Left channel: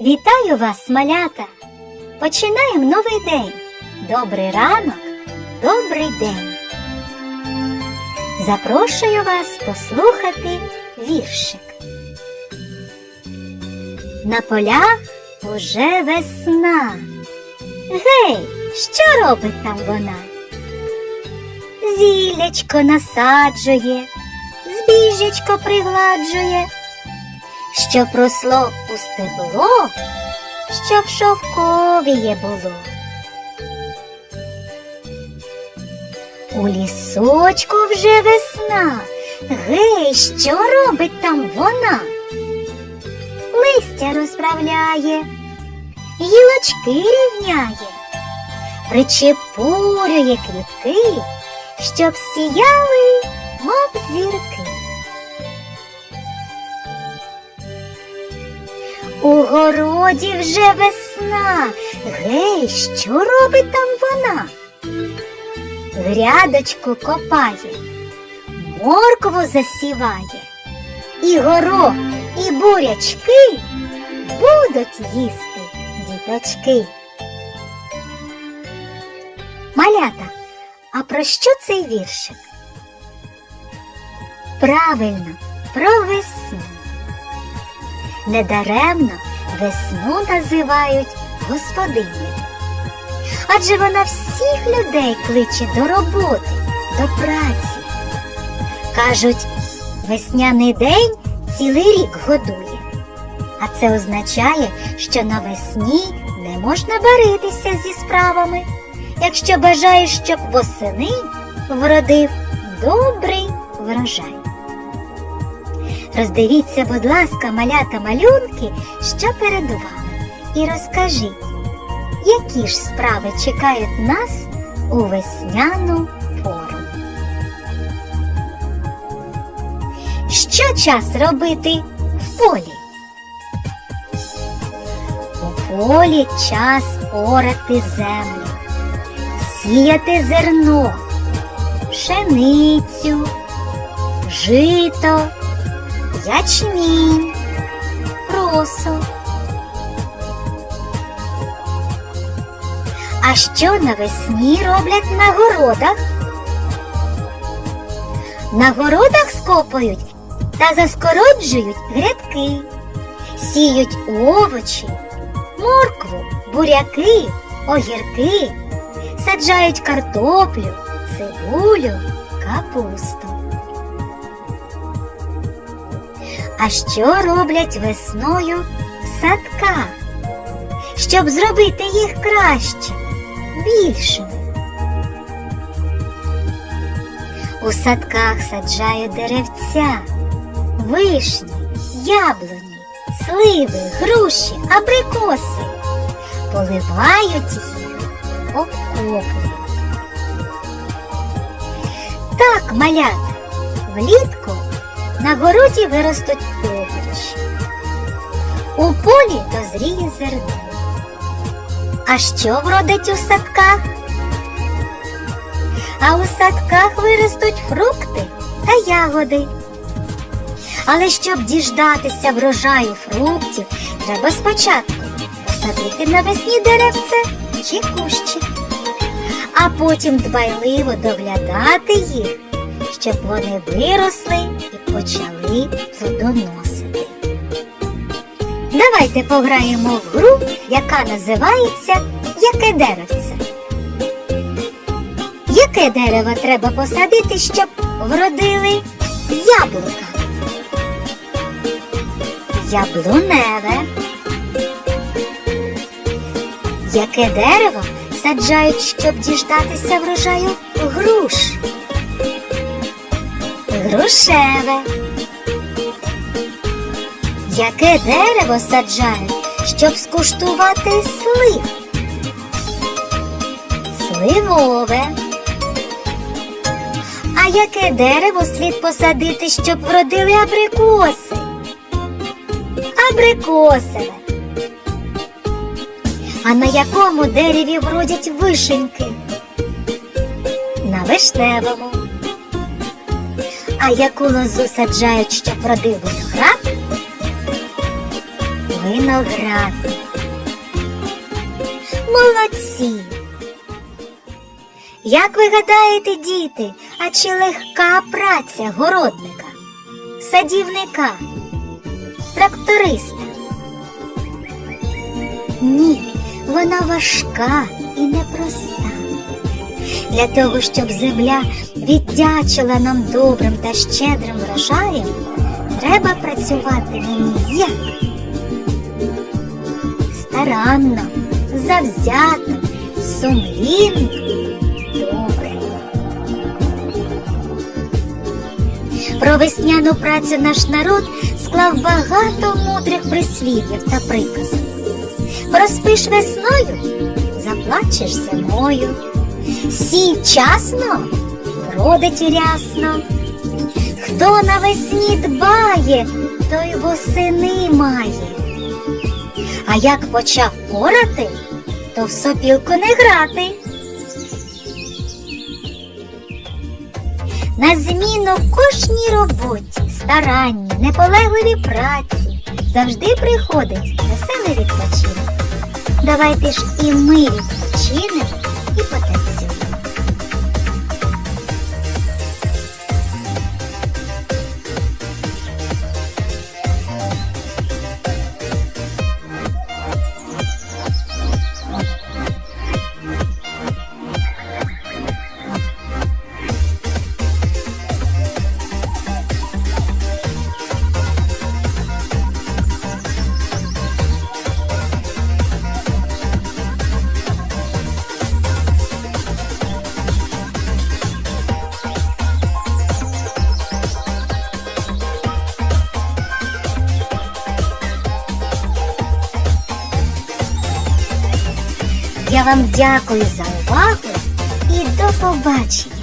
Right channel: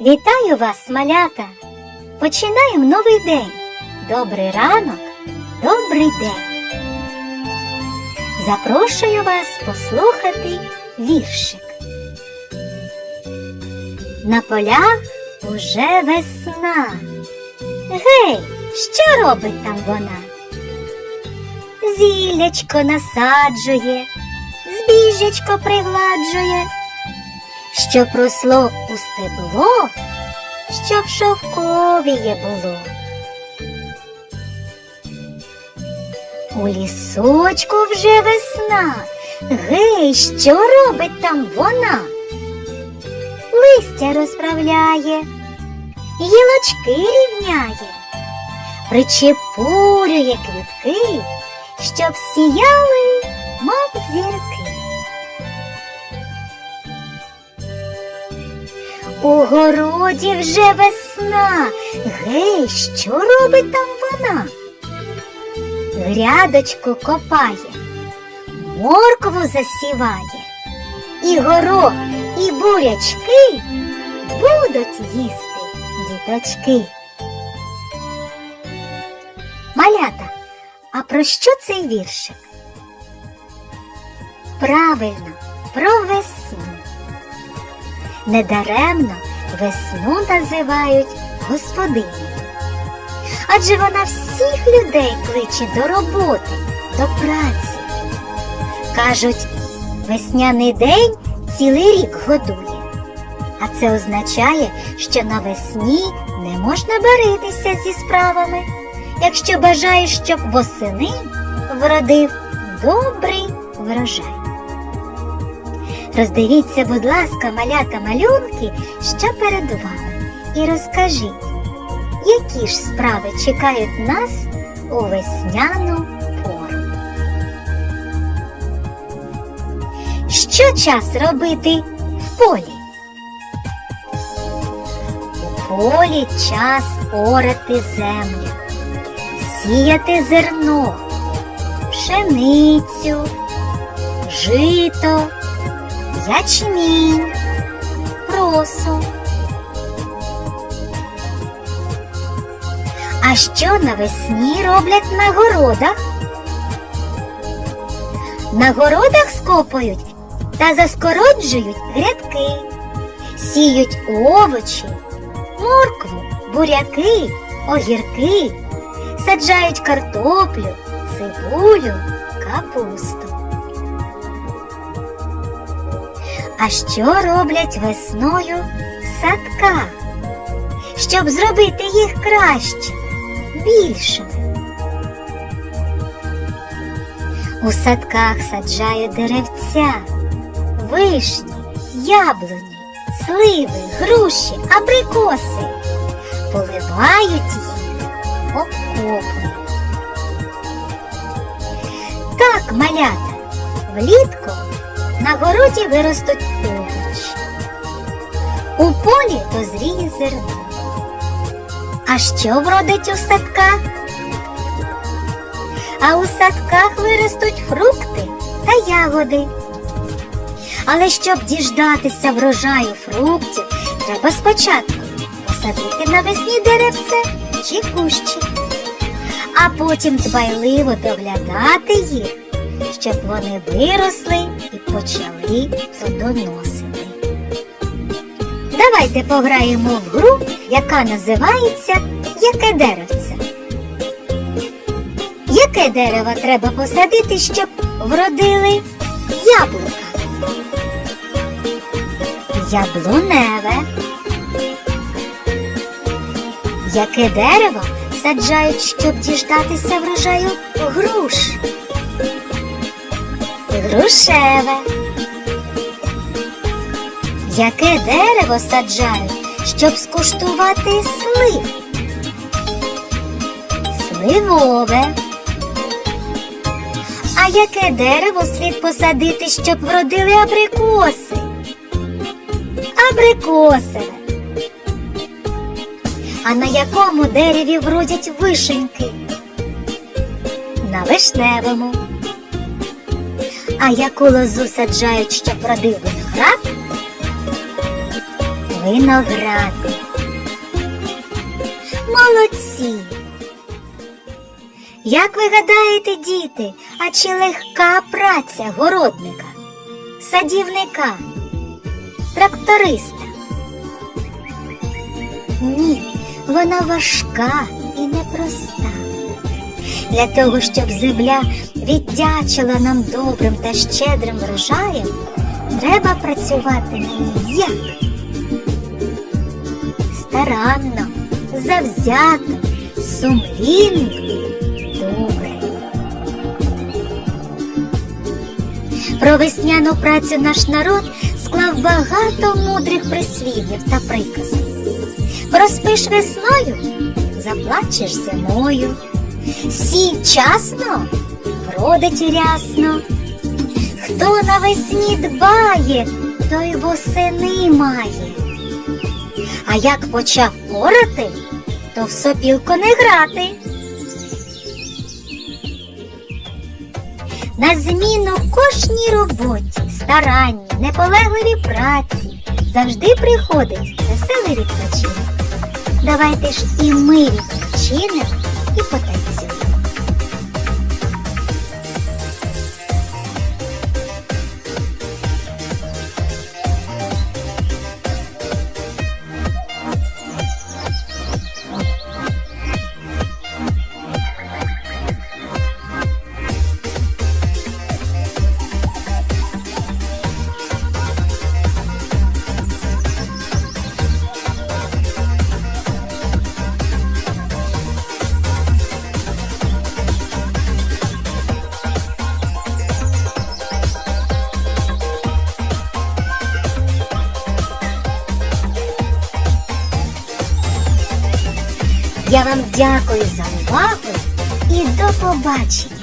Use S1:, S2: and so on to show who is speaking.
S1: Вітаю вас, малята! Починаємо новий день. Добрий ранок, добрий день. Запрошую вас послухати віршик. На полях уже весна. Гей, що робить там вона? Зілячко насаджує, збіжечко пригладжує, щоб росло у стебло, щоб шовковіє було. У лісочку вже весна. Гей, що робить там вона? Листя розправляє, гілочки рівняє, причепурює квітки, щоб сіяли, мов зірки. У городі вже весна. Гей, що робить там вона? Грядочку копає, моркву засіває, і горох, і бурячки будуть їсти діточки. Малята, а про що цей віршик? Правильно, про весну. Недаремно весну називають господинею. Адже вона всіх людей кличе до роботи, до праці. Кажуть, весняний день цілий рік годує. А це означає, що навесні не можна баритися зі справами, якщо бажаєш, щоб восени вродив добрий врожай. Роздивіться, будь ласка, малята малюнки, що перед вами, і розкажіть, які ж справи чекають нас у весняну пору. Що час робити в полі? У полі час орати землю, сіяти зерно, пшеницю, жито, ячмінь, просо. А що навесні роблять на городах? На городах скопують та заскороджують грядки, сіють овочі, моркву, буряки, огірки, саджають картоплю, цибулю, капусту. А що роблять весною в садках, щоб зробити їх краще, більшими? У садках саджають деревця, вишні, яблуні, сливи, груші, абрикоси, поливають їх окопом. Так, малята, влітку на городі виростуть овочі. У полі дозріє зерно. А що вродить у садках? А у садках виростуть фрукти та ягоди. Але щоб діждатися врожаю фруктів, треба спочатку посадити навесні деревце чи кущі, а потім дбайливо доглядати їх, щоб вони виросли і почали плодоносити. Давайте пограємо в гру, яка називається Яке деревце. Яке дерево треба посадити, щоб вродили яблука? Яблуневе. Яке дерево саджають, щоб діждатися врожаю груш? Грушеве. Яке дерево саджають, щоб скуштувати слив? Сливове. А яке дерево слід посадити, щоб вродили абрикоси? Абрикосове. А на якому дереві вродять вишеньки? На вишневому. А яку лозу саджають, щоб родив виноград? виноград. Молодці! Як ви гадаєте, діти, а чи легка праця городника, садівника, тракториста? Ні, вона важка і непроста. Для того, щоб земля віддячила нам добрим та щедрим врожаєм, треба працювати ній як? Старанно, завзято, сумлінно, добре. Про весняну працю наш народ склав багато мудрих прислів'їв та приказів. Розпиш весною, заплачеш зимою. Сій вчасно, вродить рясно. Хто навесні дбає, той восени має. А як почав порати, то в сопілку не грати. На зміну кожній роботі, старанні, неполегливій праці завжди приходить веселий відпочинок. Давайте ж і ми відпочинемо і потанцюємо. Я вам дякую за увагу і до побачення!